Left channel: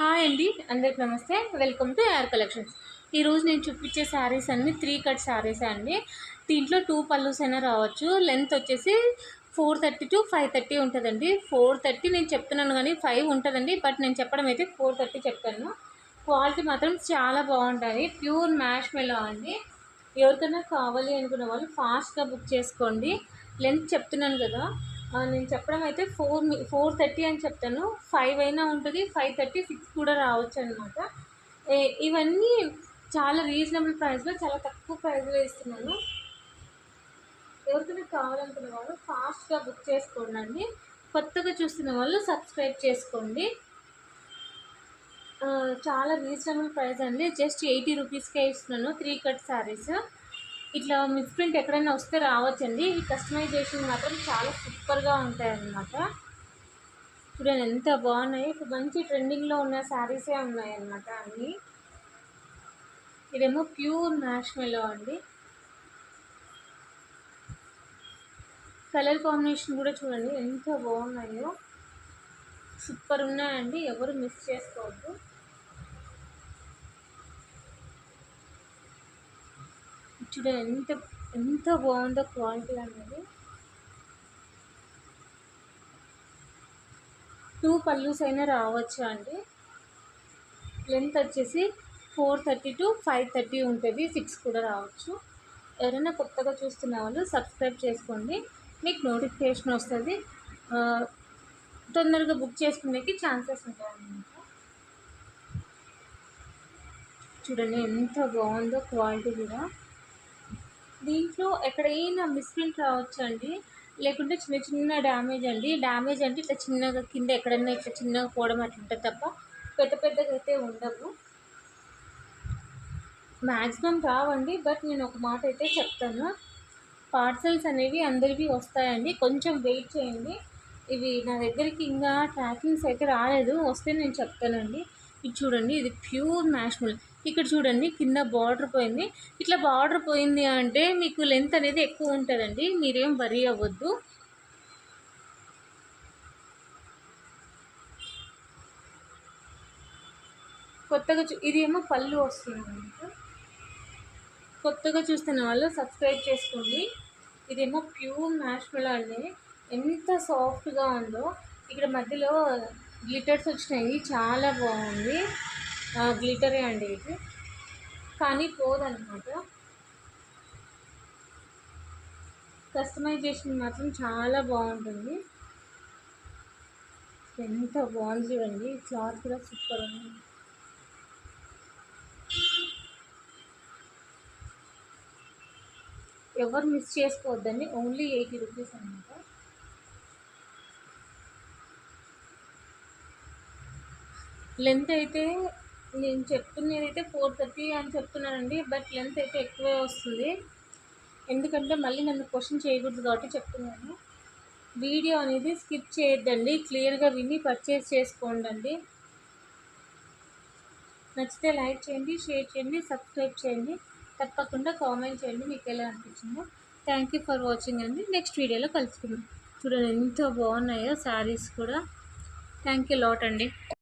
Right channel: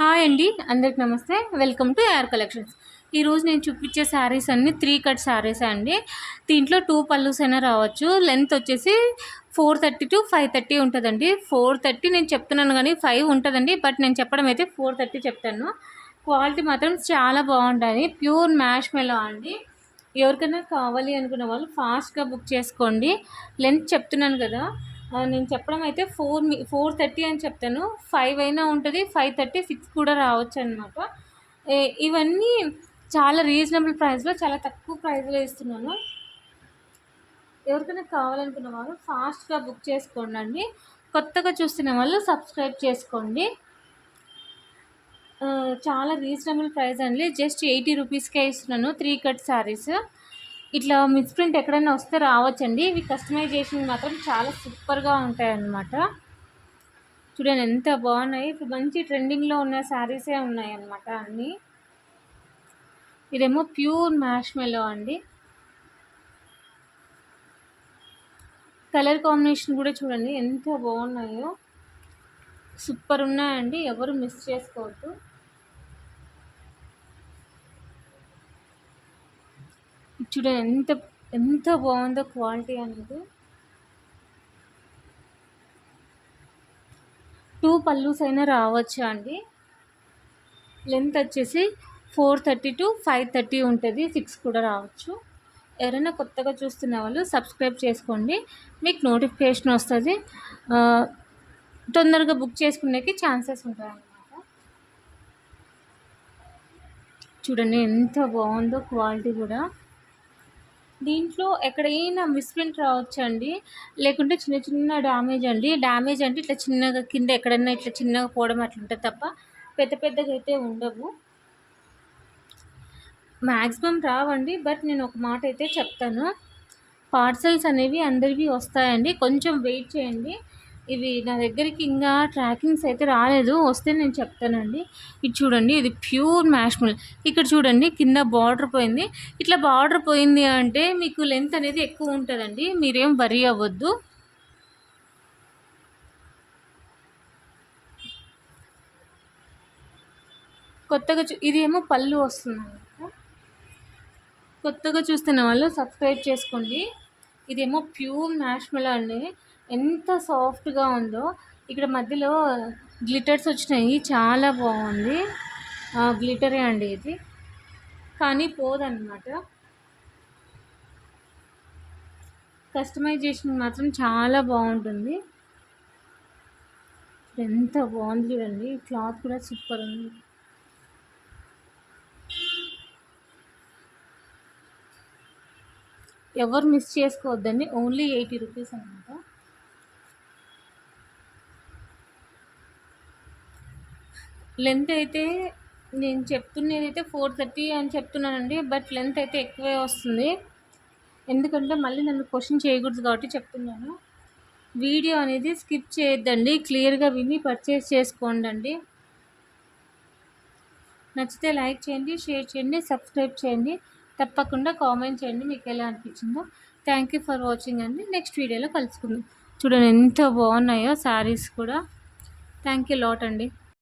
Hi అండి, అందరికి నమస్తే. Welcome to AR collections. ఈరోజు నేను చూపించే శారీస్ అన్నీ 3 కట్ శారీస్ అండి. దీంట్లో 2 పల్లూస్ అయినా రావచ్చు. లెంత్ వచ్చేసి 430 to 530 ఉంటుందండి. 430 నేను చెప్తున్నాను కానీ 5 ఉంటుందండి, బట్ నేను చెప్పడం అయితే 430 చెప్తాను. క్వాలిటీ మాత్రం చాలా బాగుంటుంది. ప్యూర్ మ్యాష్ మెలో అండి. ఎవరికైనా కావాలి అనుకున్న వాళ్ళు ఫాస్ట్గా బుక్ చేసుకోండి. లెంత్ చెప్తున్నాను కదా, నేను చెప్పడం అయితే 430 అని చెప్తాను. 5 అయినా ఉంటుంది, 530, 6 కూడా రావచ్చు అనమాట. ఇవన్నీ చాలా రీజనబుల్ ప్రైస్లో, చాలా తక్కువ ప్రైస్లో ఇస్తున్నాను. ఎవరికైనా కావాలనుకున్న వాళ్ళు ఫాస్ట్గా బుక్ చేసుకోండి అండి. కొత్తగా చూస్తున్న వాళ్ళు సబ్స్క్రైబ్ చేసుకోండి. చాలా రీజనబుల్ ప్రైస్ అండి. జస్ట్ 80 రూపీస్కే ఇస్తున్నాను 3 కట్ శారీస్. ఇట్లా మిస్ ప్రింట్ ఎక్కడైనా వస్తే రావచ్చండి. ఇవి కస్టమైజేషన్ మాత్రం చాలా సూపర్గా ఉంటాయి అన్నమాట. చూడండి ఎంత బాగున్నాయి. ఇప్పుడు మంచి ట్రెండింగ్లో ఉన్న శారీసే ఉన్నాయి అన్నమాట అన్నీ. ఇదేమో ప్యూర్ మ్యాష్ మెలో అండి. కలర్ కాంబినేషన్ కూడా చూడండి ఎంత బాగున్నాయో, సూపర్ ఉన్నాయండి. ఎవరు మిస్ చేసుకోవద్దు. చూడండి ఎంత ఎంత బాగుందో క్వాలిటీ అనేది. 2 పల్లూస్ అయినా రావచ్చు అండి. లెంత్ వచ్చేసి 430 to 530 ఉంటుంది. 6 కూడా రావచ్చు. ఎవరైనా కొత్తగా చూస్తున్న వాళ్ళు సబ్స్క్రైబ్ చేసుకోండి, మీకు నోటిఫికేషన్ వస్తుంది. తొందరగా బుక్ చేసుకునేకి ఛాన్సెస్ ఉంటాయన్నమాట. చూడండి ఎంత బాగుందో క్వాలిటీ కూడా. దీంట్లో ఎక్కడైనా మిస్ప్రింట్ రావచ్చండి, లేకుంటే చిన్న చిన్న డ్యామేజ్ అండి. డ్యామేజ్ అంటే ఇట్లా చిన్నగా కింద ఎక్కడైనా ఇట్లా చిన్నగా పోవడం అట్లా ఉంటుంది తప్ప పెద్ద పెద్దగా అయితే ఉండవు. మ్యాక్సిమం రావండి, బట్ నేను ఒక మాట అయితే చెప్తాను, పార్సల్స్ అనేవి అందరివి వస్తాయండి. కొంచెం వెయిట్ చేయండి. ఇవి నా దగ్గరికి ఇంకా ట్రాకింగ్స్ అయితే రాలేదు, వస్తే నేను చెప్తానండి. ఇది చూడండి, ఇది ప్యూర్ మ్యాష్మల్. ఇక్కడ చూడండి కింద బార్డర్ పోయింది. ఇట్లా బార్డర్ పోయింది అంటే మీకు లెంత్ అనేది ఎక్కువ ఉంటుందండి, మీరేం వరీ అవ్వద్దు. కొత్తగా ఇది ఏమో పళ్ళు వస్తుంది అనమాట. కొత్తగా చూస్తున్న వాళ్ళు సబ్స్క్రైబ్ చేసుకోండి. ఇదేమో ప్యూర్ మ్యాష్మెలో అండి. ఎంత సాఫ్ట్గా ఉందో. ఇక్కడ మధ్యలో గ్లిటర్స్ వచ్చినాయి, చాలా బాగుంది. గ్లిటరే అండి ఇది, కానీ పోదన్నమాట. కస్టమైజేషన్ మాత్రం చాలా బాగుంటుంది. ఎంత బాగుంది చూడండి. క్లాత్ కూడా సూపర్ ఉంది. ఎవరు మిస్ చేసుకోవద్దండి. ఓన్లీ 80 రూపీస్ అనమాట. లెంత్ అయితే నేను చెప్తున్నది అయితే 430 అని చెప్తున్నానండి, బట్ లెంత్ అయితే ఎక్కువే వస్తుంది. ఎందుకంటే మళ్ళీ నన్ను క్వశ్చన్ చేయకూడదు కాబట్టి చెప్తున్నాను. వీడియో అనేది స్కిప్ చేయొద్దండి, క్లియర్గా విని పర్చేస్ చేసుకోండి. నచ్చితే లైక్ చేయండి, షేర్ చేయండి, సబ్స్క్రైబ్ చేయండి. తప్పకుండా కామెంట్ చేయండి మీకు ఎలా అనిపించిందో. థ్యాంక్ యూ ఫర్ వాచింగ్ అండి. నెక్స్ట్ వీడియోలో కలుసుకుందాం. చూడండి ఎంత బాగున్నాయో శారీస్ కూడా. థ్యాంక్ యూ లాట్ అండి.